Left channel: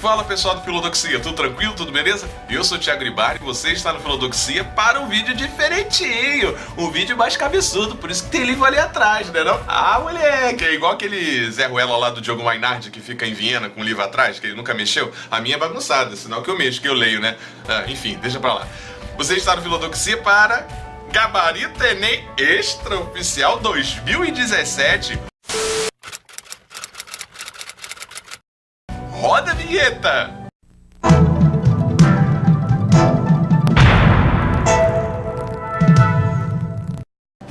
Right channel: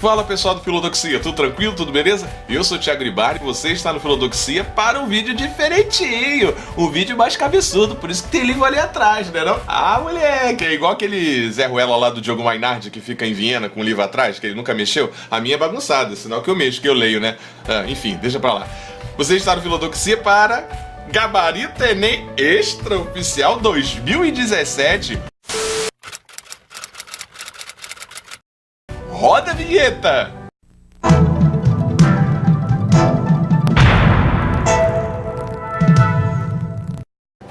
Fala pessoal do Filodoxia, tudo tranquilo, tudo beleza? Eu sou o Thiago Ribari e você está no Filodoxia para um vídeo diferentinho, um vídeo mais cabeçudo, por isso que tem livro ali atrás, né não? Ah, moleque, é igual aquele Zé Ruela lá do Diogo Mainardi que fica em Viena com o livro atrás, que ele nunca mexeu. A minha é bagunçada, sinal que eu mexo, que eu leio, né? Enfim, deixa pra lá. Você está no Filodoxia para Gabarito Enem Extraoficial 2017. Roda a vinheta!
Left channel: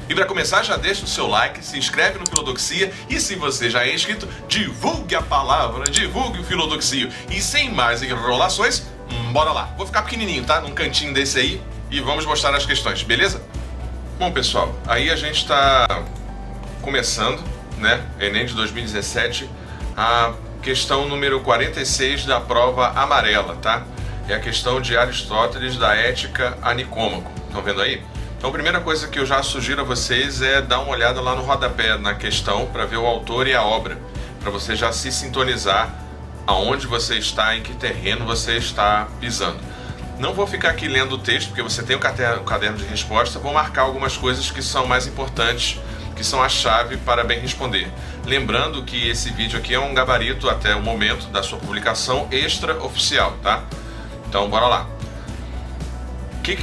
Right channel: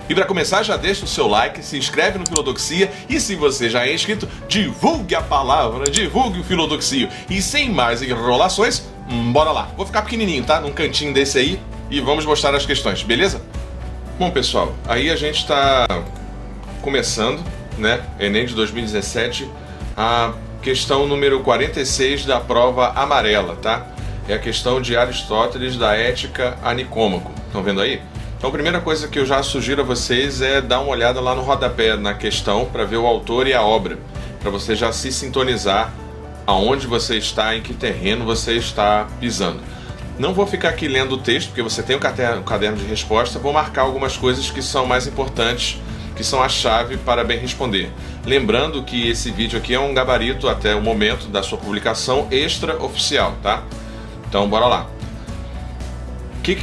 E para começar, já deixa o seu like, se inscreve no Filodoxia e se você já é inscrito, divulgue a palavra, divulgue o Filodoxia. E sem mais enrolações, bora lá. Vou ficar pequenininho, tá? Num cantinho desse aí e vamos mostrar as questões, beleza? Bom, pessoal, aí a gente tá começando, né? Enem de 2017, a questão número 46 da prova amarela, tá? É a questão de Aristóteles da Ética a Nicômaco. Estão vendo aí? Então a primeira coisa que eu já sugiro a vocês é dar uma olhada lá no rodapé na questão para ver o autor e a obra, para você já se sintonizar aonde você está, em que terreno você está pisando. Não vou ficar aqui lendo o texto, porque você tem o caderno de resposta, vou marcar algumas coisas que são mais importantes, que são a chave para bem responder. Lembrando que esse vídeo aqui é um gabarito até o momento da sua publicação extraoficial, tá? Então, bora lá.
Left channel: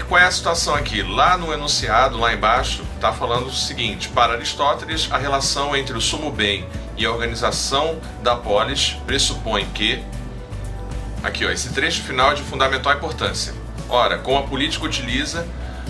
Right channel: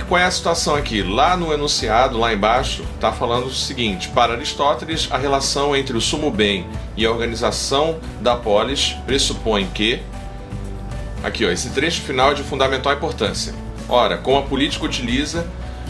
Qual é a situação aqui? Lá no enunciado, lá embaixo, está falando o seguinte: para Aristóteles, a relação entre o sumo bem e a organização da polis pressupõe que... Aqui, ó, esse trecho final é de fundamental importância. Ora, como a política utiliza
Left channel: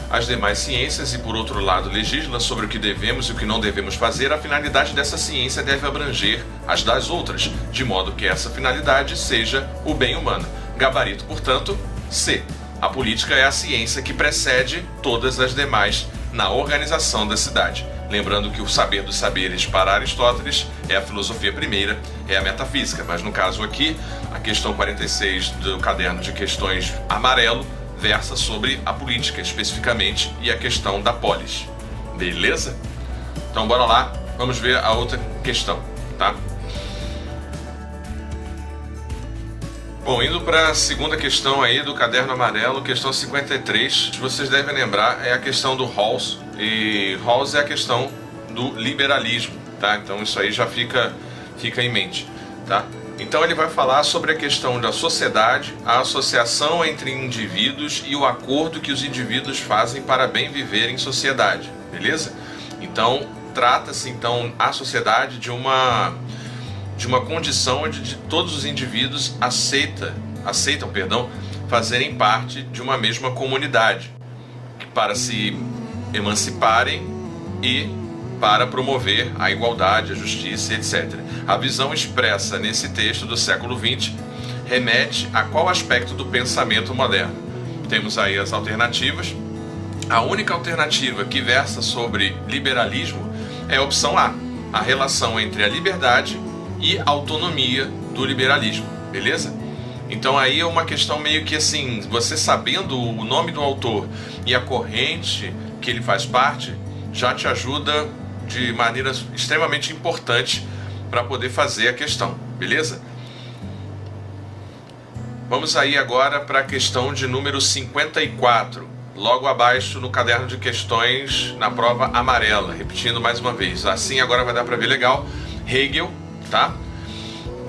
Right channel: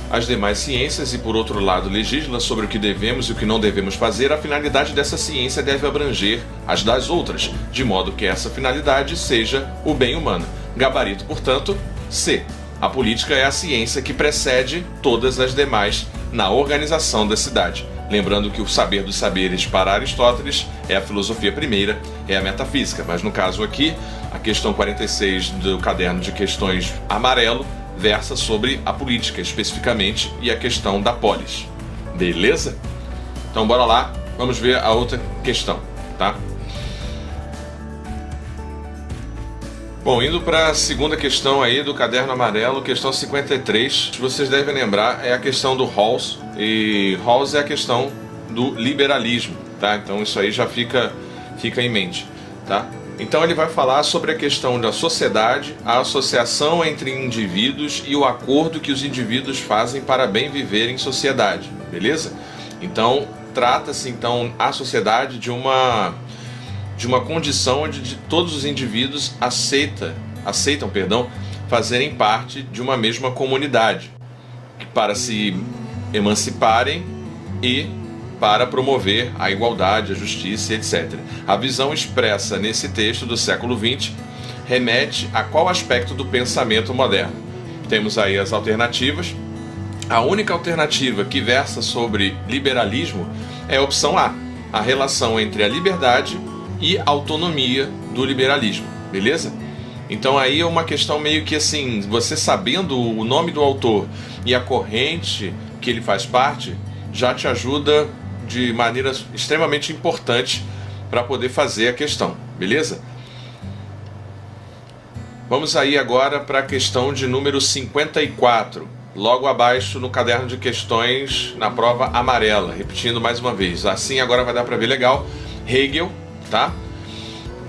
as demais ciências e, por outro lado, legisla sobre o que devemos e o que não devemos fazer, a finalidade dessa ciência deve abranger as das outras, de modo que essa finalidade seja o bem humano. Gabarito, portanto, C. A política é a ciência que precede todas as demais na organização da cidade. Lembrando que o saber dos saberes para Aristóteles é a filosofia primeira, é a metafísica, mas no caso aqui, a questão 46 do caderno de questões amarelo versa sobre a política especificamente e a questão da polis. Beleza? Então bora lá, vamos ver a outra questão, tá? Bom, indo para a segunda questão aí do caderno amarelo, questão 53, vocês devem lembrar, é a questão do Rawls, e Rawls é a questão do liberalismo, tá? Então isso aí já fica em mente, tá? Então ele vai falar sobre a questão da sociedade, a associação entre indivíduos e o acordo que os indivíduos fazem para bem viver em sociedade, beleza? Então trata-se então a sociedade de uma condição onde todos os indivíduos aceitam, fazerem parte de uma mesma comunidade para se emanciparem e para promover a igualdade, a justiça, etc. A visão expressa nesse texto do século XX remete a qual aspecto do pensamento moderno? Temos aí as alternativas. A única alternativa que versa sobre liberalismo é a opção A, a relação entre a liberdade e a autonomia do liberalismo, beleza? Então aí é uma questão meio que assim, você sabendo o nome do autor e a corrente que ele faz parte, já te ajuda de maneira extremamente importante para poder fazer a questão, beleza? Vamos aí agora para a questão de número 54, logo abaixo no caderno de questões na prova amarela, repetindo mais uma vez, assim agora vai dar para ver legal. Hegel, tá?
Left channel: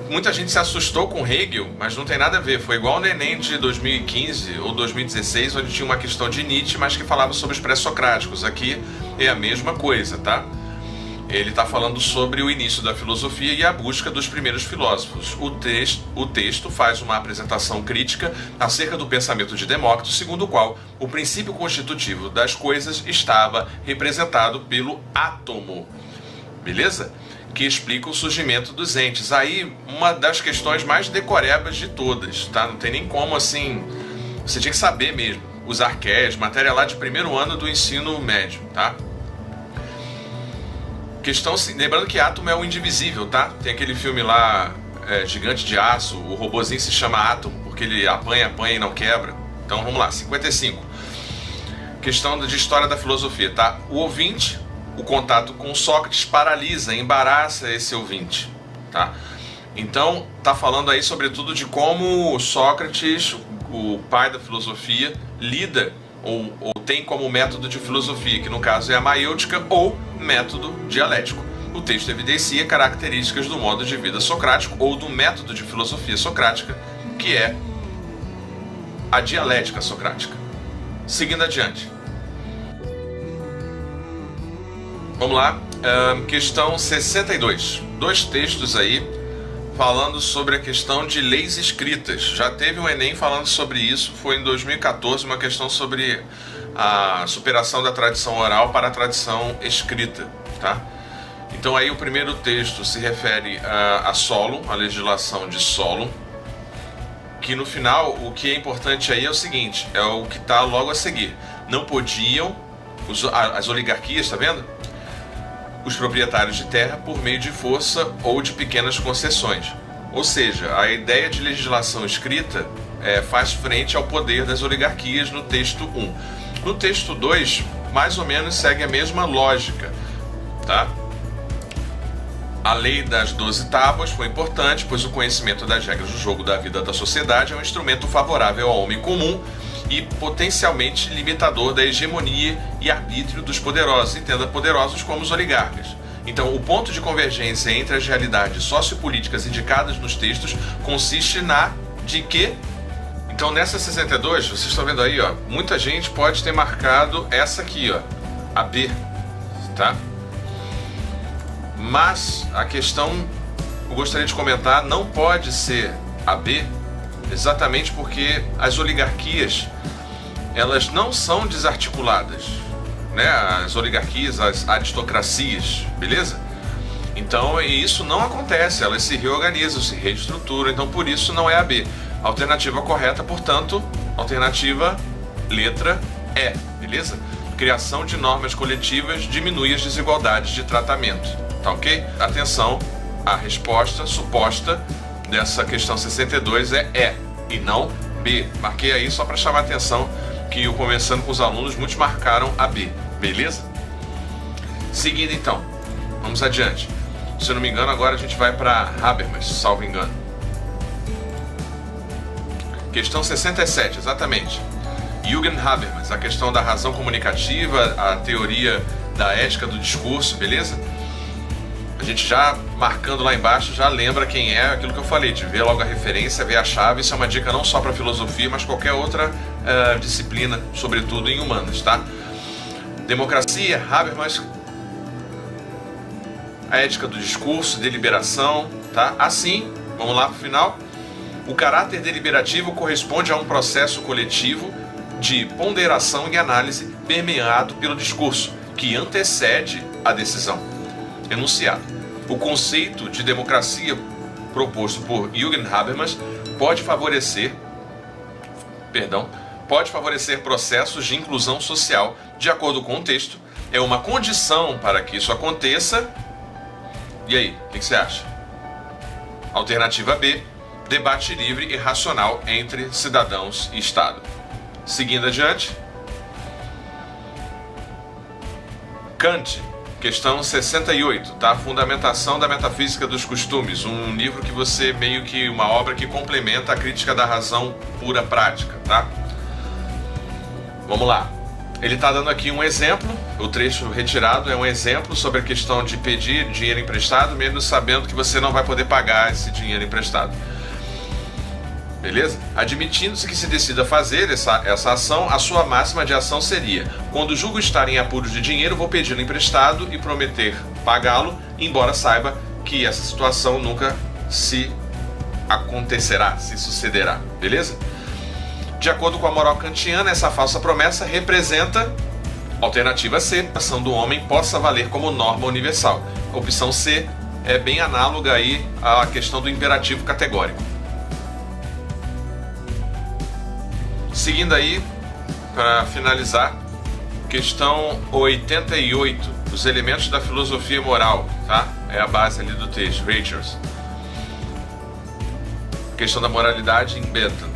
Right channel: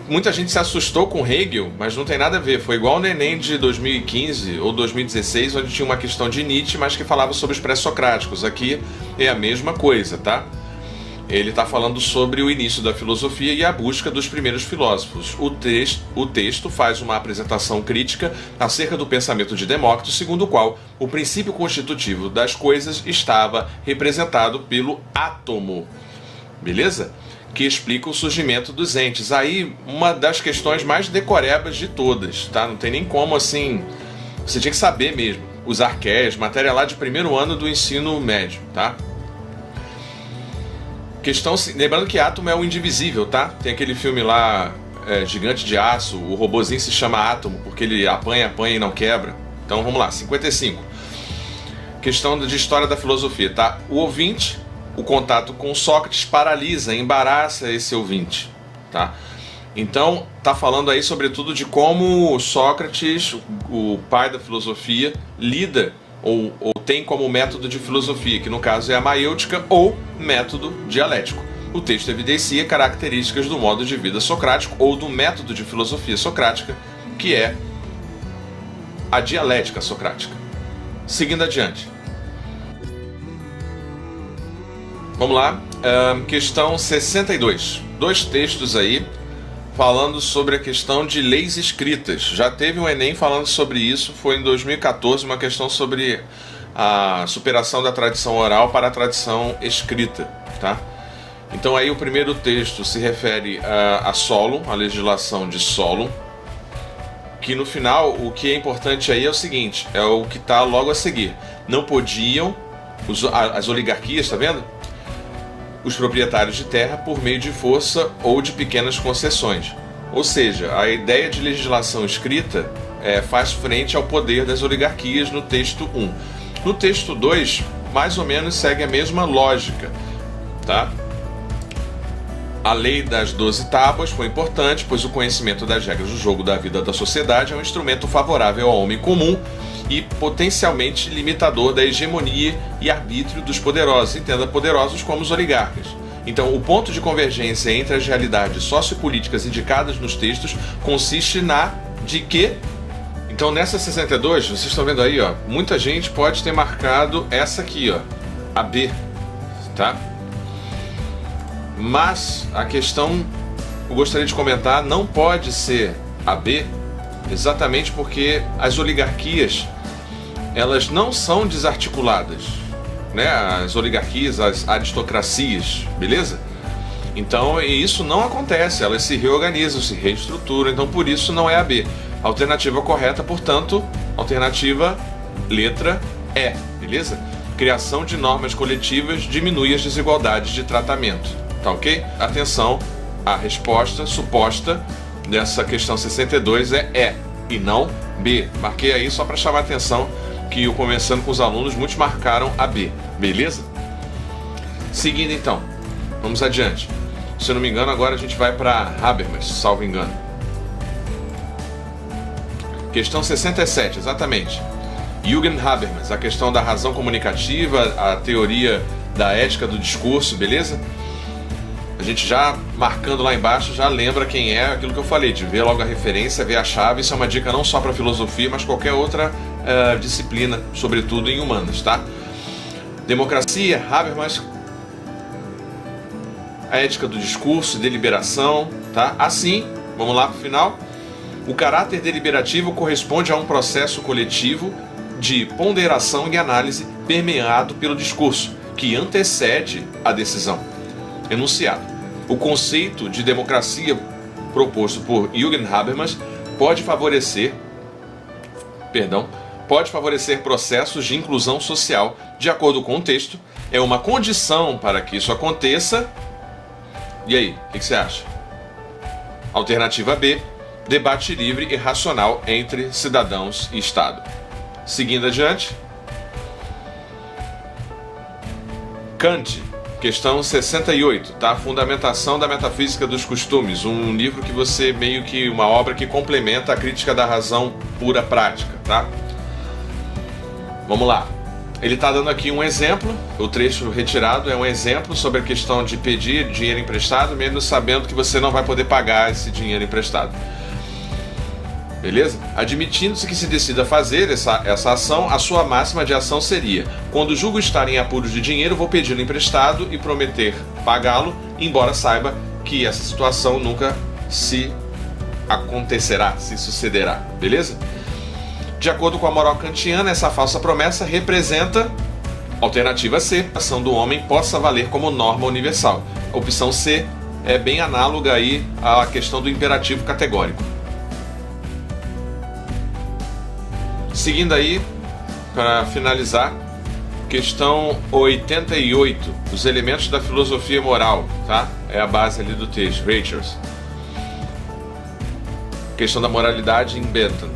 Muita gente se assustou com Hegel, mas não tem nada a ver. Foi igual no Enem de 2015 ou 2016, onde tinha uma questão de Nietzsche, mas que falava sobre os pré-socráticos. Aqui é a mesma coisa, tá? Ele está falando sobre o início da filosofia e a busca dos primeiros filósofos. O texto faz uma apresentação crítica acerca do pensamento de Demócrito, segundo o qual o princípio constitutivo das coisas estava representado pelo átomo. Beleza? Que explica o surgimento dos entes. Aí, uma das questões mais decorebas de todas, tá? Não tem nem como, assim... Você tinha que saber mesmo. Os arqués, matéria lá de primeiro ano do ensino médio, tá? Lembrando que átomo é o indivisível, tá? Tem aquele filme lá, Gigante de Aço, o robozinho se chama átomo, porque ele apanha e não quebra. Então, vamos lá, 55. Questão de história da filosofia, tá? O ouvinte... O contato com Sócrates paralisa, embaraça esse ouvinte, tá? Então, está falando aí sobretudo de como Sócrates, o pai da filosofia, lida ou tem como método de filosofia, que no caso é a maêutica ou método dialético. O texto evidencia características do modo de vida socrático ou do método de filosofia socrática, que é a dialética socrática. Seguindo adiante. Vamos lá, questão 62. 2 textos aí falando sobre a questão de leis escritas. Já teve um Enem falando sobre isso, foi em 2014, uma questão sobre a superação da tradição oral para a tradição escrita, tá? Então aí o primeiro texto se refere a Solon, a legislação de Solon, que no final o que é importante aí é o seguinte, é o que está logo a seguir. Não podiam, as oligarquias, tá vendo? Os proprietários de terra por meio de força ou de pequenas concessões. Ou seja, a ideia de legislação escrita faz frente ao poder das oligarquias no texto 1. No texto 2, mais ou menos segue a mesma lógica, tá? A lei das 12 tábuas foi importante, pois o conhecimento das regras do jogo da vida da sociedade é um instrumento favorável ao homem comum e potencialmente limitador da hegemonia e arbítrio dos poderosos, entenda poderosos como os oligarcas. Então, o ponto de convergência entre as realidades sociopolíticas indicadas nos textos consiste na de que... Então, nessa 62, vocês estão vendo aí, ó, muita gente pode ter marcado essa aqui, ó, a B, tá? Mas a questão, eu gostaria de comentar, não pode ser a B, exatamente porque as oligarquias, elas não são desarticuladas, né? As oligarquias, as aristocracias, beleza? Então isso não acontece, elas se reorganizam, se reestruturam, então por isso não é a B. A alternativa correta, portanto, alternativa letra E, beleza? Criação de normas coletivas diminui as desigualdades de tratamento, tá ok? Atenção, a resposta suposta dessa questão 62 é E e não B. Marquei aí só para chamar a atenção que eu conversando com os alunos, muitos marcaram a B, beleza? Seguindo então, vamos adiante. Se eu não me engano, agora a gente vai para Habermas, salvo engano. Questão 67, exatamente. Jürgen Habermas, a questão da razão comunicativa, a teoria da ética do discurso, beleza? A gente já marcando lá embaixo, já lembra quem é, aquilo que eu falei, de ver logo a referência, ver a chave. Isso é uma dica não só para filosofia, mas qualquer outra disciplina, sobretudo em humanas, tá? Democracia, Habermas, a ética do discurso, deliberação, tá? Assim, vamos lá para o final. O caráter deliberativo corresponde a um processo coletivo de ponderação e análise permeado pelo discurso, que antecede a decisão. Enunciado. O conceito de democracia proposto por Jürgen Habermas pode favorecer processos de inclusão social. De acordo com o texto, é uma condição para que isso aconteça. E aí, o que você acha? Alternativa B, debate livre e racional entre cidadãos e Estado. Seguindo adiante. Kant, questão 68, tá? Fundamentação da metafísica dos costumes, um livro que você meio que uma obra que complementa a crítica da razão pura prática, tá? Vamos lá. Ele está dando aqui um exemplo, o trecho retirado é um exemplo sobre a questão de pedir dinheiro emprestado, mesmo sabendo que você não vai poder pagar esse dinheiro emprestado. Beleza? Admitindo-se que se decida fazer essa ação, a sua máxima de ação seria: quando julgo estar em apuros de dinheiro, vou pedi-lo emprestado e prometer pagá-lo, embora saiba que essa situação nunca se acontecerá, se sucederá. Beleza? De acordo com a moral kantiana, essa falsa promessa representa, alternativa C, a ação do homem possa valer como norma universal. A opção C é bem análoga aí à questão do imperativo categórico. Seguindo aí, para finalizar, questão 88, os elementos da filosofia moral, tá? É a base ali do texto, Rachels. Questão da moralidade em Bentham.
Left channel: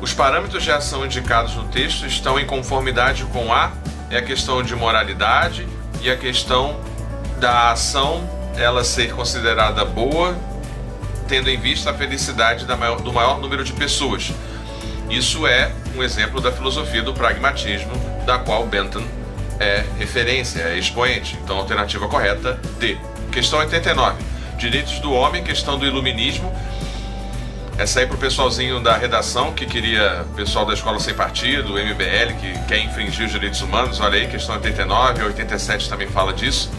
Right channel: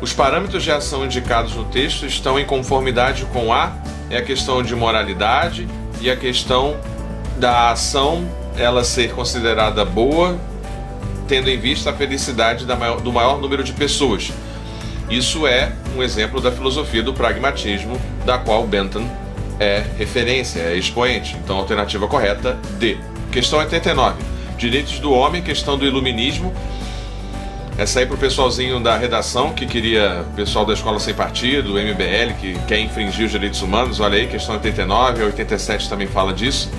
Os parâmetros de ação indicados no texto estão em conformidade com a questão de moralidade e a questão da ação ela ser considerada boa tendo em vista a felicidade do maior número de pessoas. Isso é um exemplo da filosofia do pragmatismo, da qual Bentham é referência, é expoente. Então, a alternativa correta, D. Questão 89. Direitos do homem, questão do iluminismo. Essa aí pro pessoalzinho da redação, que queria, pessoal da Escola Sem Partido, MBL, que quer infringir os direitos humanos. Olha aí, questão 89, 87 também fala disso.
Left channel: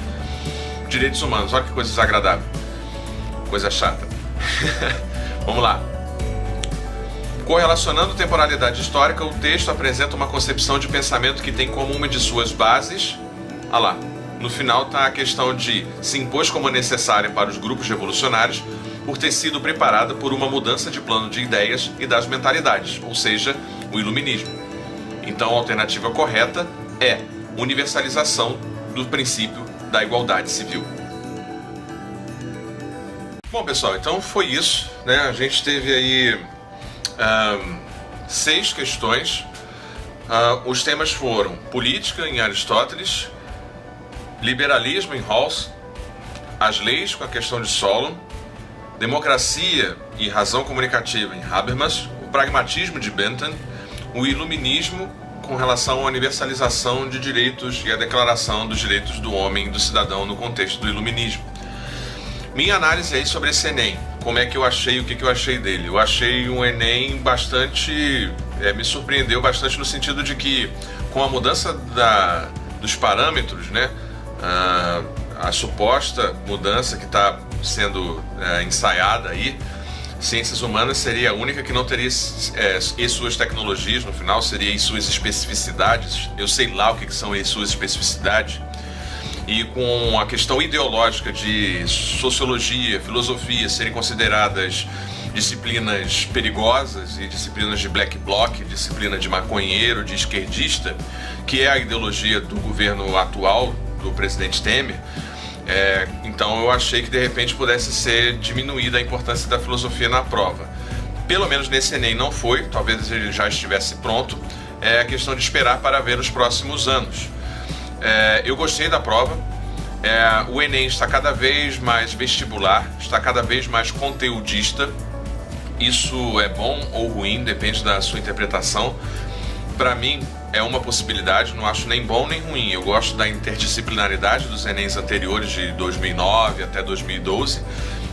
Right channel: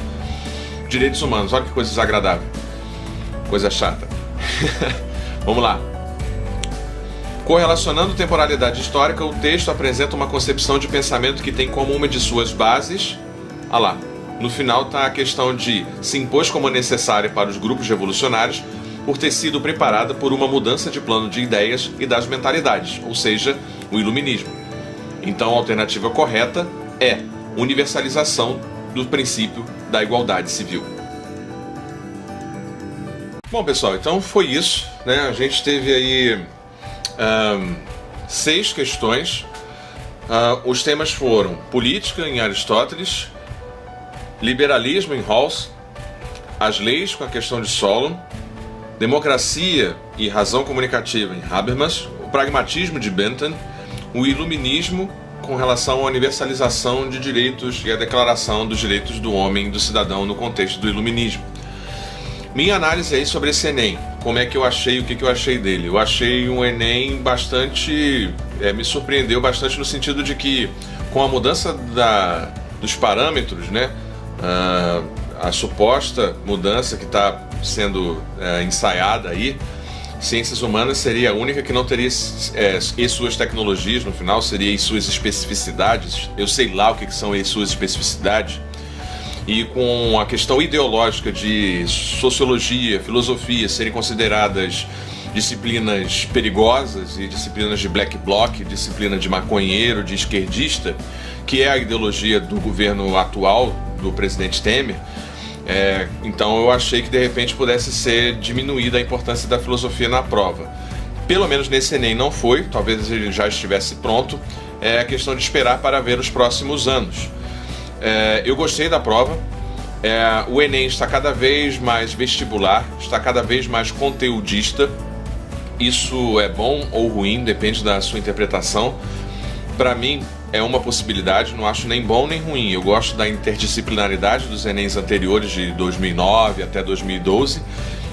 Direitos humanos, olha que coisa desagradável. Coisa chata. Vamos lá. Correlacionando temporalidade histórica, o texto apresenta uma concepção de pensamento que tem como uma de suas bases... Ah lá, no final está a questão de se impôs como necessária para os grupos revolucionários por ter sido preparada por uma mudança de plano de ideias e das mentalidades, ou seja, o iluminismo. Então a alternativa correta é universalização do princípio da igualdade civil. Bom, pessoal, então foi isso, né? A gente teve aí 6 questões. Os temas foram política em Aristóteles, liberalismo em Rawls, as leis com a questão de Solon, democracia e razão comunicativa em Habermas, o pragmatismo de Bentham, o iluminismo com relação à universalização de direitos e a declaração dos direitos do homem e do cidadão no contexto do iluminismo. Minha análise aí sobre esse Enem, como é que eu achei, o que eu achei dele? Eu achei um Enem bastante... me surpreendeu bastante no sentido de que, com a mudança dos parâmetros, né, a suposta mudança que está sendo ensaiada aí, ciências humanas seria a única que não teria e suas tecnologias no final, seria e suas especificidades, eu sei lá o que são e suas especificidades, e com a questão ideológica de sociologia, filosofia serem consideradas disciplinas perigosas e disciplinas de black bloc, disciplina de maconheiro, de esquerdista, que é a ideologia do governo atual, do presidente Temer. Então eu achei que de repente pudesse ser diminuída a importância da filosofia na prova. Pelo menos nesse Enem não foi, talvez ele já estivesse pronto. É a questão de esperar para ver os próximos anos. Eu gostei da prova. O Enem está cada vez mais vestibular, está cada vez mais conteudista. Isso é bom ou ruim, depende da sua interpretação. Para mim é uma possibilidade, não acho nem bom nem ruim. Eu gosto da interdisciplinaridade dos Enems anteriores de 2009 até 2012,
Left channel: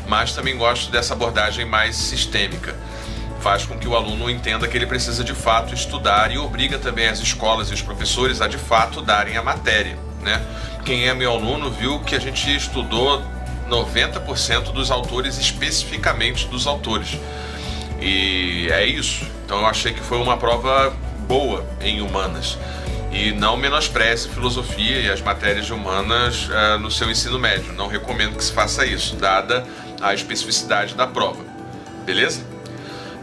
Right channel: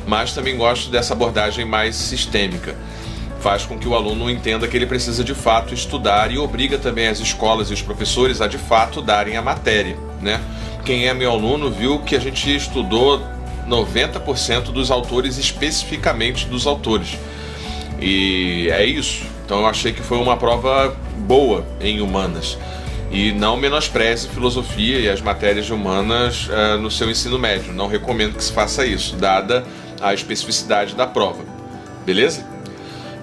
mas também gosto dessa abordagem mais sistêmica. Faz com que o aluno entenda que ele precisa de fato estudar e obriga também as escolas e os professores a de fato darem a matéria, né? Quem é meu aluno viu que a gente estudou 90% dos autores, especificamente dos autores. E é isso. Então eu achei que foi uma prova boa em humanas. E não menospreze filosofia e as matérias de humanas no seu ensino médio. Não recomendo que se faça isso, dada a especificidade da prova. Beleza?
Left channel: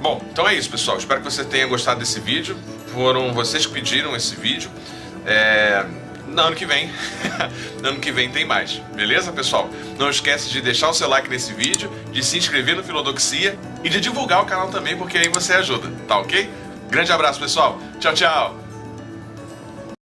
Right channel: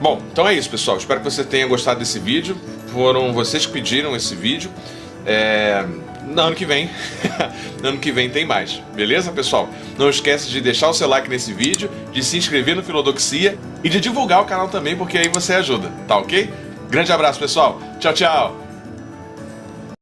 Bom, então é isso, pessoal. Espero que você tenha gostado desse vídeo. Foram vocês que pediram esse vídeo. No ano que vem, no ano que vem tem mais. Beleza, pessoal? Não esquece de deixar o seu like nesse vídeo, de se inscrever no Filodoxia e de divulgar o canal também, porque aí você ajuda, tá ok? Grande abraço, pessoal. Tchau, tchau.